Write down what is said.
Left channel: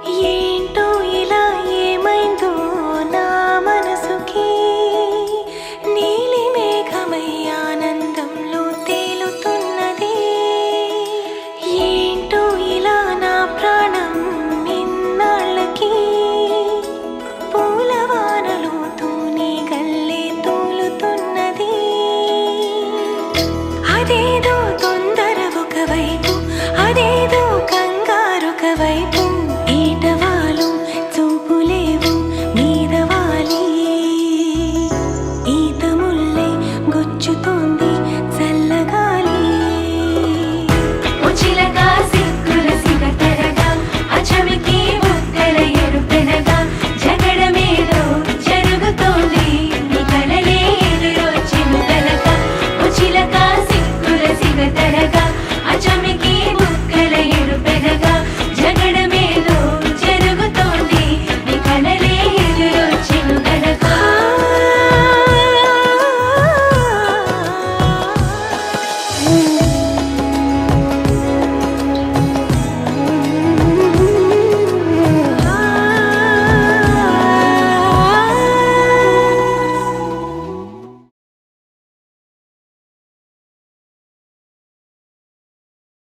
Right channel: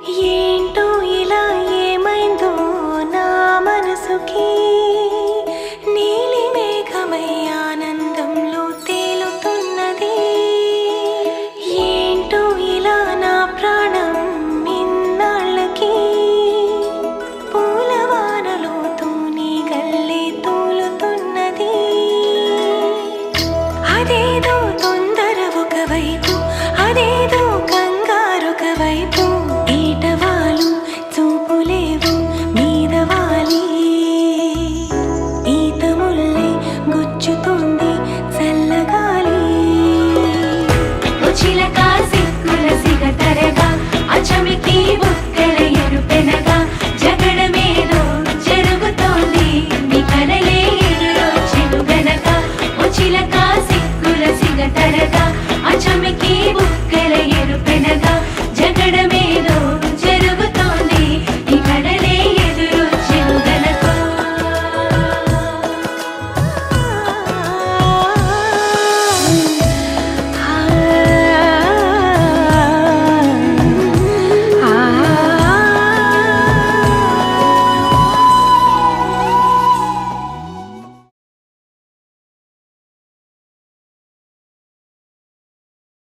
ఏంటో ఇలా ఏమైందో నా మనసుకి, నీలి మేఘమై ఆనందంలో తేలుతున్నది. ఏంటో ఇలా నా ప్రాణం ఇన్నాళ్ళకి పూలవానలో తూని గల్లే తూలుతున్నది. అదేదో తొందర ఒకవైపు, అదేదో కంగారొక వైపు, ఏటవాలు చూపులేవు మీదవాలి. ఈత ముల్లై గుచ్చుతోంది చల్లగాలి.